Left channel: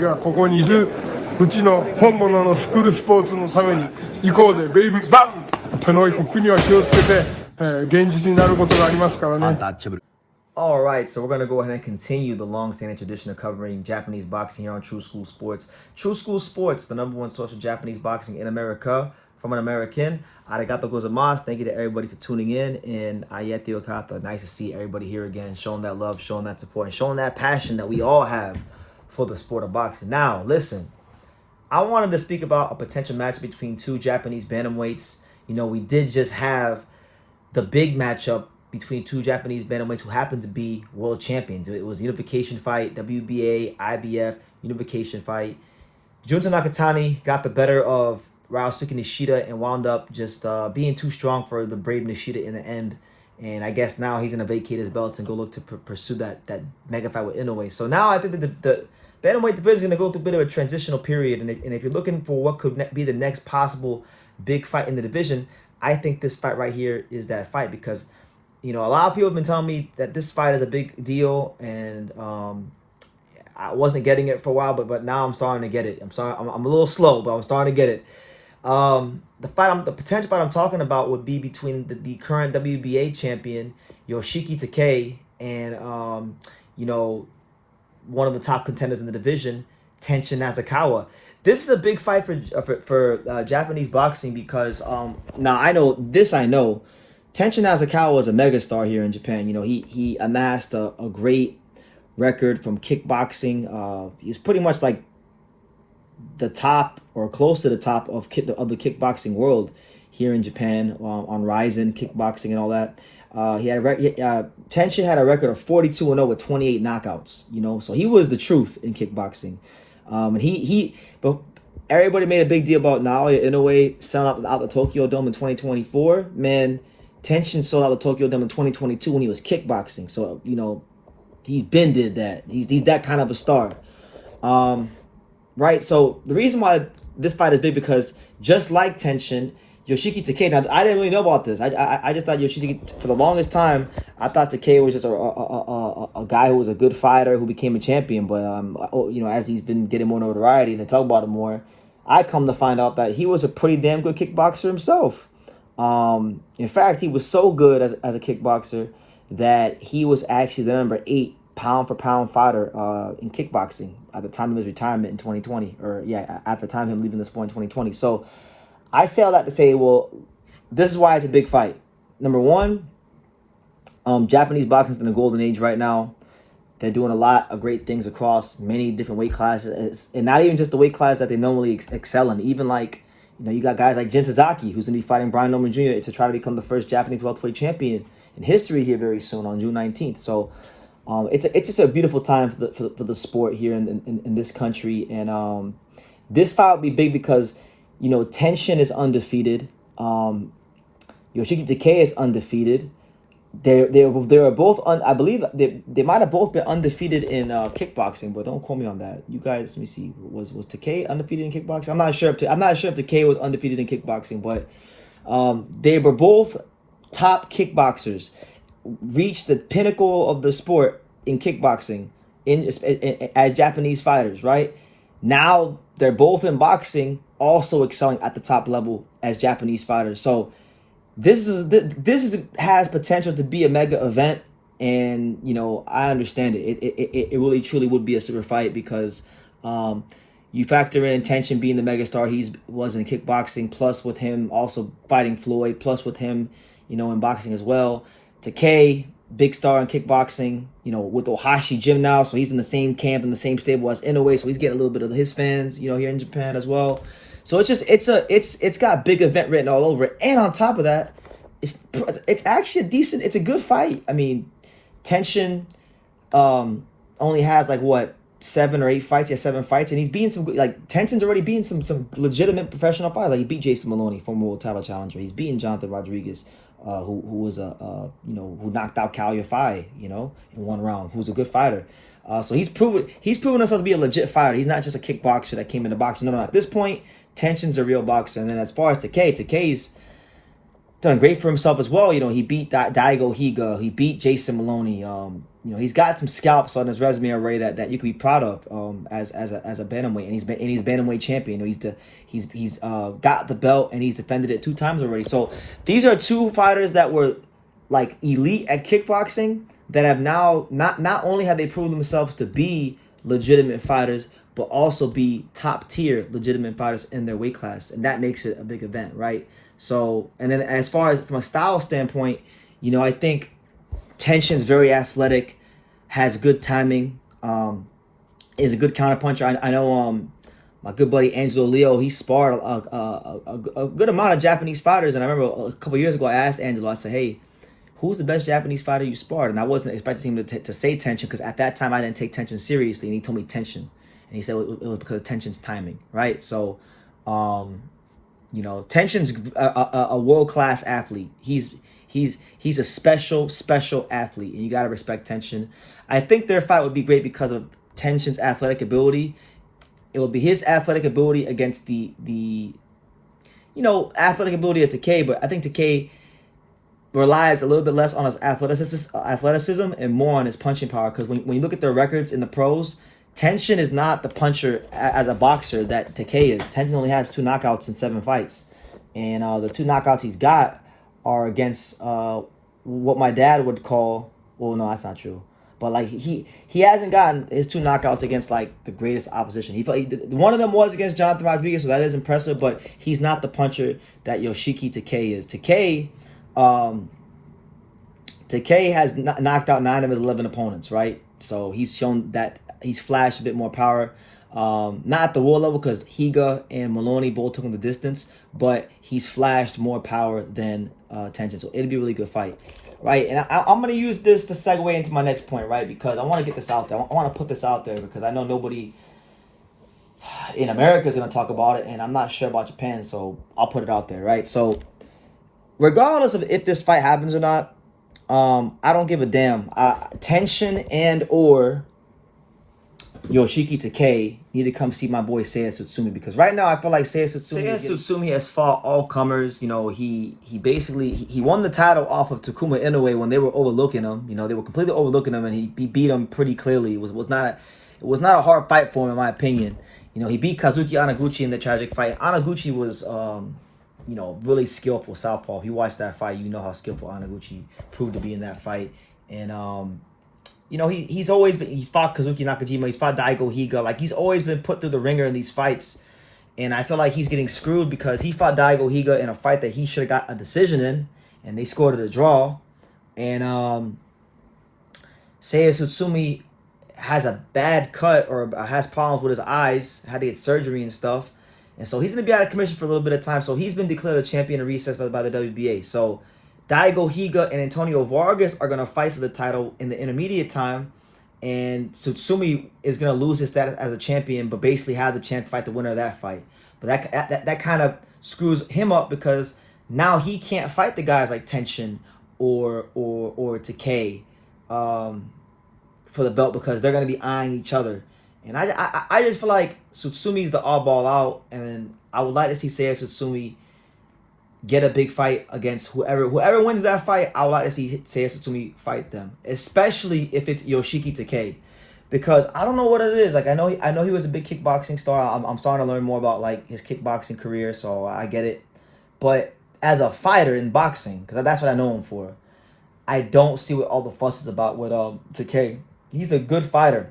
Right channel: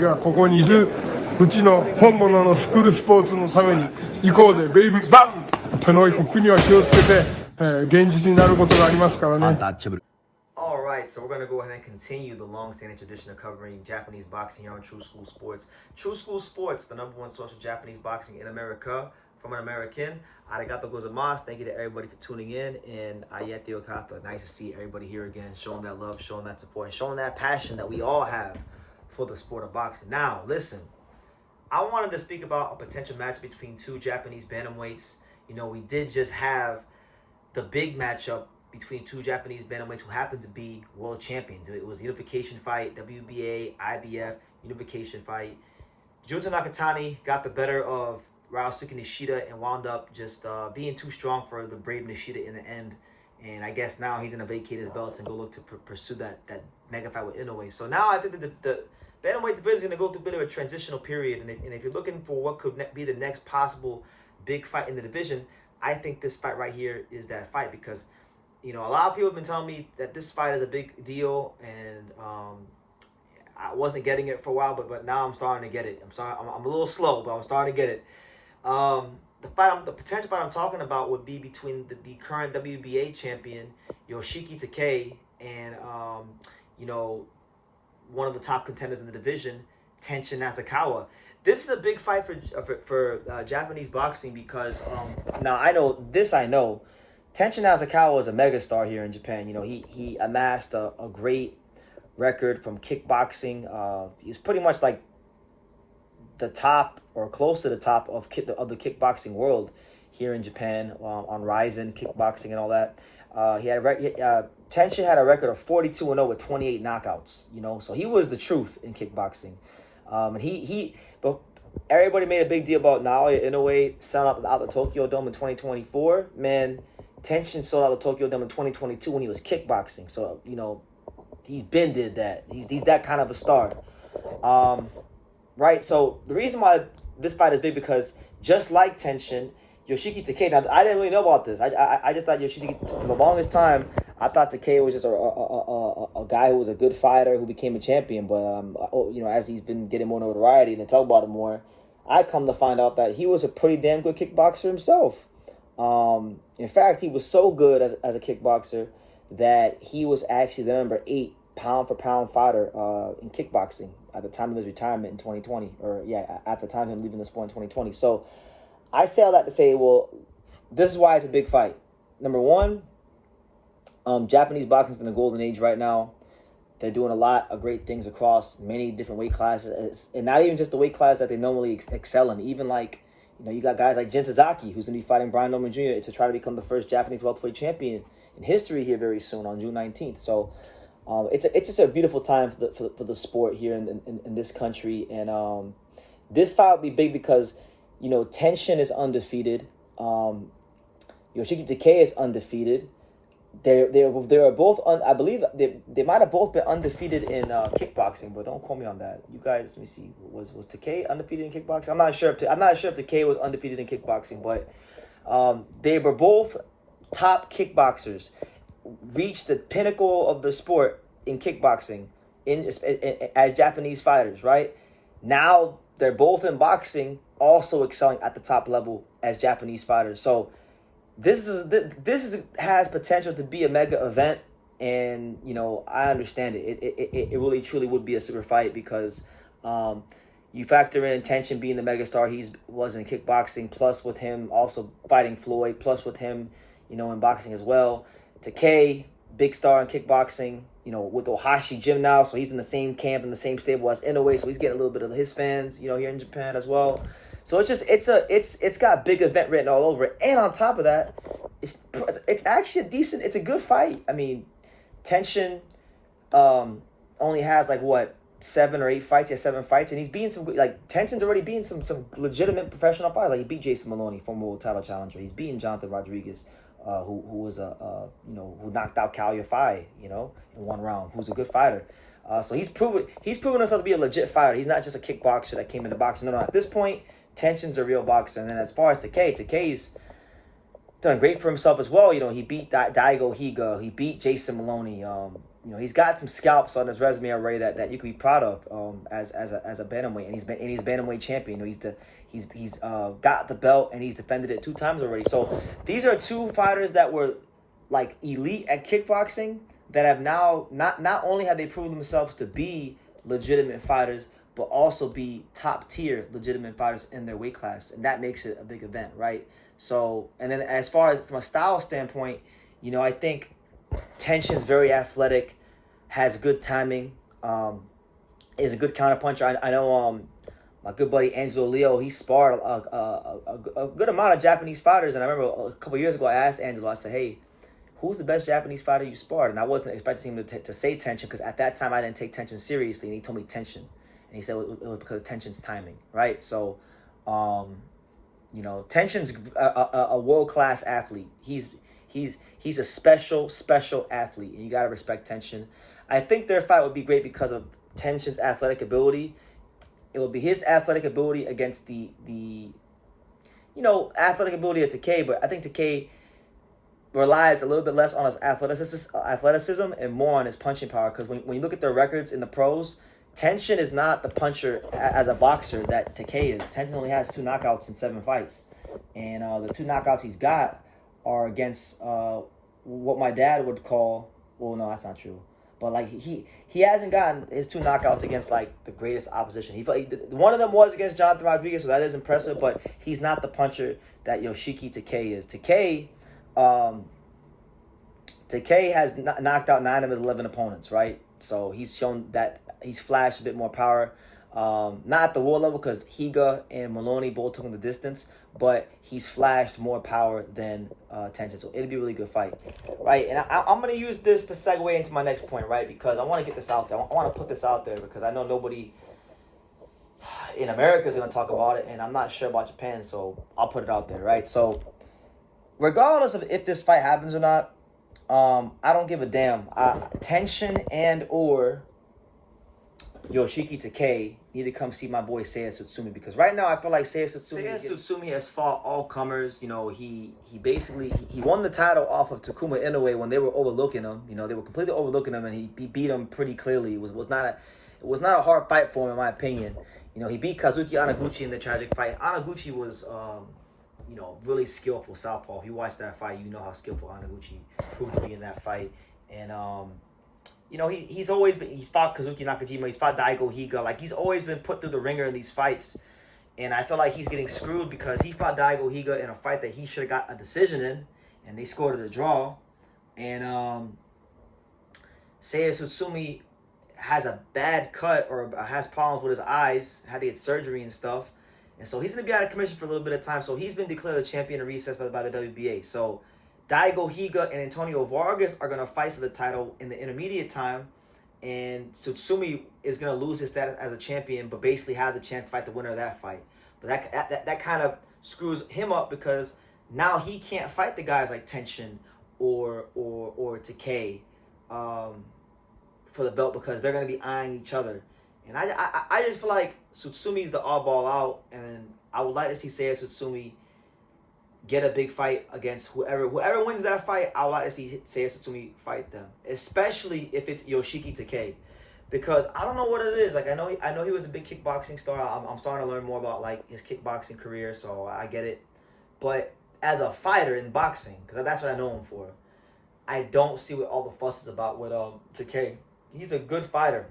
がここにいるうちの本物のスクールスポーツのために行こうぜベイビーバンこの国は気をつけて、現実になることがありますからね。Alright, so we're going to go ahead and continue the long-standing tradition of covering Japanese boxing here on True School Sports. True School Sports, the #1 source of Japanese boxing in America, from an American. Arigato gozaimasu. Thank you to everybody for tuning in. And ayete okata. Nice to see everybody here again, showing that love, showing that support, and showing that passion that we all have for the sport of boxing. Now, listen, I wanted to speak about a potential match between two Japanese bantamweights. You know, we did just have the big matchup between two Japanese bantamweights who happen to be world champions. It was a unification fight, WBA, IBF, unification fight. Junta Nakatani got the better of Ryosuke Nishida and wound up just being too strong for the brave Nishida in the end. And I guess now he's going to vacate his belts and go look to pursue that mega fight with Inoue. So now I think that the bantamweight division is going to go through a bit of a transitional period. And if you're looking for what could be the next possible big fight in the division, I think this fight right here is that fight because, you know, a lot of people have been telling me that this fight is a big deal, and I wasn't getting it for a while, but now I'm starting to get it. I'm a little slow, but I'm starting to get it. The potential fight I'm talking about would be between the current WBA champion Yoshiki Takei and you know, one of the top contenders in the division, Tenshin Nasukawa. This is a big fight for Japanese boxing because now I know Tenshin Nasukawa is a megastar here in Japan. You know, he amassed a great record from kickboxing. He's pretty much like the top or close to the top of the kickboxing world here in Japan on Ryzen kickboxing and all that. Tenshin had a record of 42-0 with 28 knockouts. You know, so he was the truth in kickboxing. But everybody made a big deal about Naoya Inoue selling out the Tokyo Dome in 2024. Man, Tenshin sold out the Tokyo Dome in 2022 when he was kickboxing. So, you know, he's been did that. He's that kind of a star. Right? So the reason why this fight is big because just like Tenshin, Yoshiki Takei, now I didn't really know about this. I just thought Yoshiki, for the longest time, I thought Takei was just a guy who was a good fighter who became a champion. But, you know, as he's been getting more notoriety and they talk about him more, I come to find out that he was a pretty damn good kickboxer himself. In fact, he was so good as a kickboxer that he was actually the #8 pound-for-pound fighter in kickboxing at the time of his retirement in 2020. At the time of him leaving the sport in 2020. So I say all that to say, well, this is why it's a big fight. Number one, Japanese boxing is in the golden age right now. They're doing a lot of great things across many different weight classes, and not even just the weight class that they normally excel in. Even like, you know, you got guys like Jin Sasaki, who's going to be fighting Brian Norman Jr. to try to become the first Japanese welterweight champion in history here very soon on June 19th. So it's just a beautiful time for the sport here in this country. And this fight would be big because, you know, Tenshin is undefeated. Yoshiki Takei is undefeated. They were both I believe they might have both been undefeated in kickboxing, but don't quote me on that. You guys, let me see. Was Takei undefeated in kickboxing? I'm not sure if Takei was undefeated in kickboxing, but they were both top kickboxers, reached the pinnacle of the sport in kickboxing as Japanese fighters. Right now, they're both in boxing, also excelling at the top level as Japanese fighters. So this has potential to be a mega event, and you know, I understand it. It really truly would be a super fight because you factor in Tenshin being the megastar he was in kickboxing, plus with him also fighting Floyd, plus with him, you know, in boxing as well. Takei, big star in kickboxing, you know, with Ohashi Gym now, so he's in the same camp, in the same stable as Inoue, so he's getting a little bit of his fans, you know, here in Japan as well. So it's got big event written all over it, and on top of that, it's actually it's a good fight. I mean, Tenshin only has like what 7 or 8 fights. He has 7 fights, and he's beating some like Tenshin's already beating some legitimate professional fighters. Like he beat Jason Maloney, former world title challenger. He's beaten Jonathan Rodriguez, who was who knocked out Cal Yafai, you know, in 1 round. Who's a good fighter. So he's proven himself to be a legit fighter. He's not just a kickboxer that came into boxing. No, at this point, Tenshin's a real boxer. And then as far as Takei's done great for himself as well. You know, he beat Daigo Higa, he beat Jason Maloney. You know, he's got some scalps on his resume already that you can be proud of as a bantamweight, and he's bantamweight champion. You know, he's got the belt and he's defended it 2 times already. So these are 2 fighters that were like elite at kickboxing that have now not only have they proven themselves to be legitimate fighters, but also be top tier legitimate fighters in their weight class, and that makes it a big event, right? So, and then as far as from a style standpoint, you know, I think Tenshin's very athletic, has good timing, is a good counterpuncher. I know my good buddy Angelo Leo, he sparred a good amount of Japanese fighters, and I remember a couple years ago I asked Angelo, I said, hey, who's the best Japanese fighter you sparred? And I wasn't expecting him to say Tenshin, because at that time I didn't take Tenshin seriously, and he told me Tenshin. And he said it was because of Tenshin's timing, right? So, you know, Tenshin's a world-class athlete. He's a special athlete, and you got to respect Tenshin. I think their fight would be great because of Tenshin's athletic ability. It would be his athletic ability against the you know, athletic ability of Takei, but I think Takei relies a little bit less on his athleticism and more on his punching power, because when you look at their records in the pros, Tenshin is not the puncher as a boxer that Takei is. Tenshin only has 2 knockouts in 7 fights. And the 2 knockouts he's got are against what my dad would call, well, no, that's not true. But like he hasn't gotten his 2 knockouts against like the greatest opposition. One of them was against Jonathan Rodriguez, so that is impressive, but he's not the puncher that Yoshiki Takei is. Takei has knocked out 9 of his 11 opponents, right? So he's shown that he's flashed a bit more power. Not at the world level, because Higa and Maloney both took him the distance, but he's flashed more power than Tenshin. So it'll be a really good fight, right? And I'm going to use this to segue into my next point, right? Because I want to get this out there. I want to put this out there because I know nobody in America is going to talk about it, and I'm not sure about Japan, so I'll put it out there, right? So regardless of if this fight happens or not, I don't give a damn. Tenshin and or Yoshiki Takei need to come see my boy Seiya Tsutsumi, because right now I feel like Seiya Tsutsumi has fought all comers. You know, he basically won the title off of Takuma Inoue when they were overlooking him. You know, they were completely overlooking him, and he beat him pretty clearly. It was not a hard fight for him, in my opinion. You know, he beat Kazuki Anaguchi in the tragic fight. Anaguchi was you know, really skillful southpaw. If you watch that fight, you know how skillful Anaguchi proved to be in that fight. And you know, he's fought Kazuki Nakajima, he's fought Daigo Higa. Like, he's always been put through the ringer in these fights. And I feel like he's getting screwed because he fought Daigo Higa in a fight that he should have got a decision in, and they scored it a draw. And Seiya Tsutsumi has a bad cut, or has problems with his eyes, had to get surgery and stuff. And so he's going to be out of commission for a little bit of time. So he's been declared a champion in recess by the WBA. So Daigo Higa and Antonio Vargas are going to fight for the title in the intermediate time. And Tsutsumi is going to lose his status as a champion, but basically have the chance to fight the winner of that fight. But that kind of screws him up, because now he can't fight the guys like Tenshin or Takei for the belt, because they're going to be eyeing each other. And I just feel like Tsutsumi's the oddball out, and I would like to see Seiya Tsutsumi get a big fight against whoever wins that fight. I would like to see Seiya Tsutsumi fight them, especially if it's Yoshiki Takei, because I don't know what it is. Like, I know he was a big kickboxing star. I'm starting to learn more about like his kickboxing career, so I get it. But as a fighter in boxing, because that's what I know him for, I don't see what all the fuss is about with Takei. He's a good fighter.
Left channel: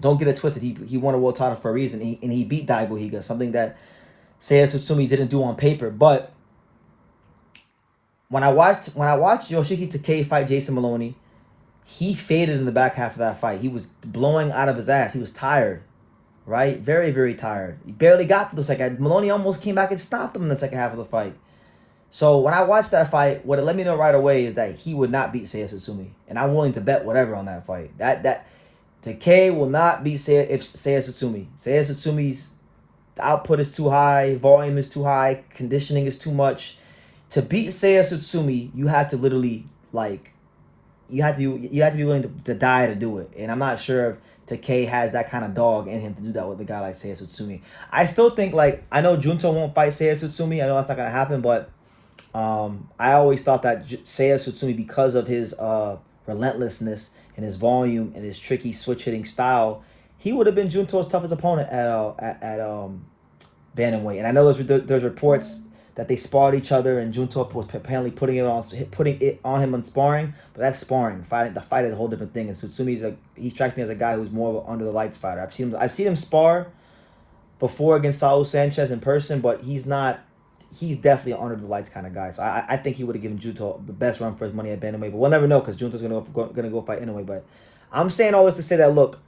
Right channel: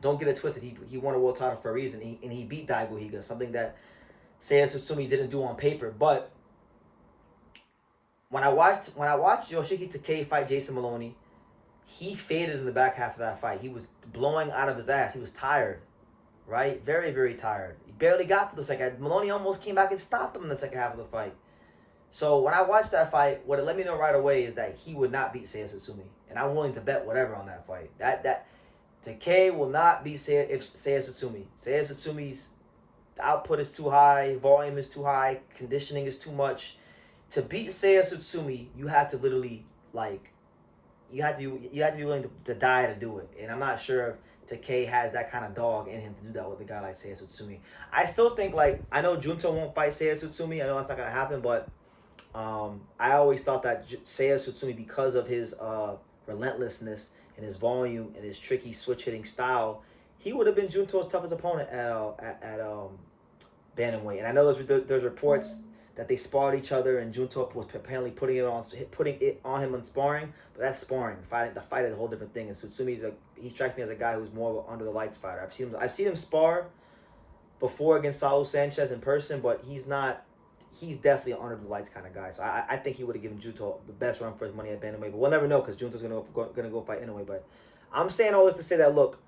Don't get it twisted. He won a world title for a reason, and he beat Daigo Higa, something that Seiya Tsutsumi didn't do on paper. But when I watched Yoshiki Takei fight Jason Maloney, he faded in the back half of that fight. He was blowing out of his ass. He was tired, right? Very, very tired. He barely got to the second. Maloney almost came back and stopped him in the second half of the fight. So when I watched that fight, what it let me know right away is that he would not beat Seiya Tsutsumi, and I'm willing to bet whatever on that fight. That Takei will not beat Seiya Tsutsumi. Seiya Tsutsumi's output is too high, volume is too high, conditioning is too much. To beat Seiya Tsutsumi, you have to literally you have to be willing to die to do it. And I'm not sure if Takei has that kind of dog in him to do that with a guy like Seiya Tsutsumi. I still think, like, I know Junto won't fight Seiya Tsutsumi. I know that's not gonna happen, but I always thought that Seiya Tsutsumi, because of his relentlessness and his volume and his tricky switch hitting style, he would have been Junto's toughest opponent at bantamweight. And I know there's reports that they sparred each other, and Junto was apparently putting it on him on sparring, but that's sparring. The fight is a whole different thing. And Tsutsumi he strikes me as a guy who's more of an under the lights fighter. I've seen him spar before against Saul Sanchez in person, but he's definitely an under the lights kind of guy. So I think he would have given Junto the best run for his money at bantamweight, but we'll never know because Junto's gonna go fight anyway. But I'm saying all this to say that, look,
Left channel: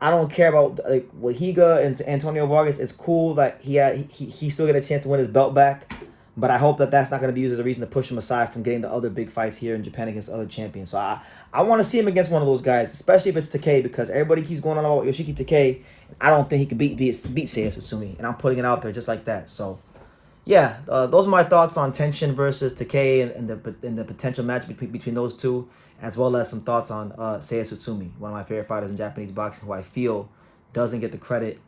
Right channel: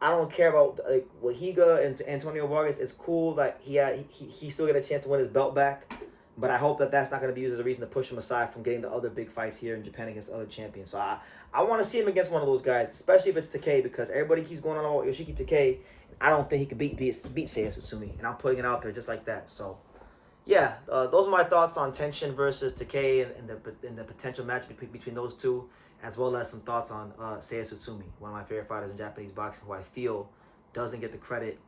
I don't care about like Wahiga and Antonio Vargas. It's cool that he still get a chance to win his belt back, but I hope that that's not going to be used as a reason to push him aside from getting the other big fights here in Japan against other champions. So I want to see him against one of those guys, especially if it's Takei, because everybody keeps going on about Yoshiki Takei. I don't think he could beat Seiya Tsutsumi, and I'm putting it out there just like that. So yeah, those are my thoughts on Tenshin versus Takei and the potential match between those two, as well as some thoughts on Seiya Tsutsumi, one of my favorite fighters in Japanese boxing, who I feel doesn't get the credit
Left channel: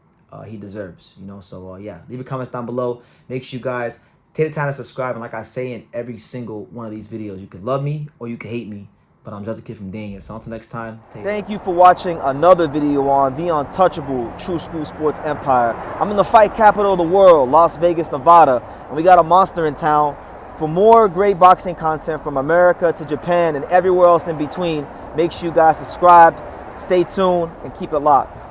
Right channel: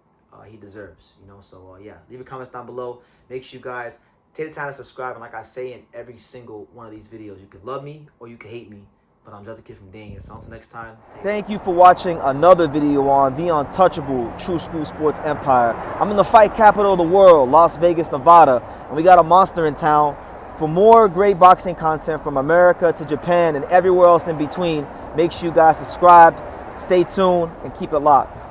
he deserves. So yeah, leave your comments down below. Make sure you guys take the time to subscribe, and like I say in every single one of these videos, you can love me or you can hate me, but I'm just a kid from Daniel. So until next time, thank you for watching another video on the untouchable True School Sports Empire. I'm in the fight capital of the world, Las Vegas, Nevada, and we got a monster in town. For more great boxing content from America to Japan and everywhere else in between, make sure you guys subscribe, stay tuned, and keep it locked.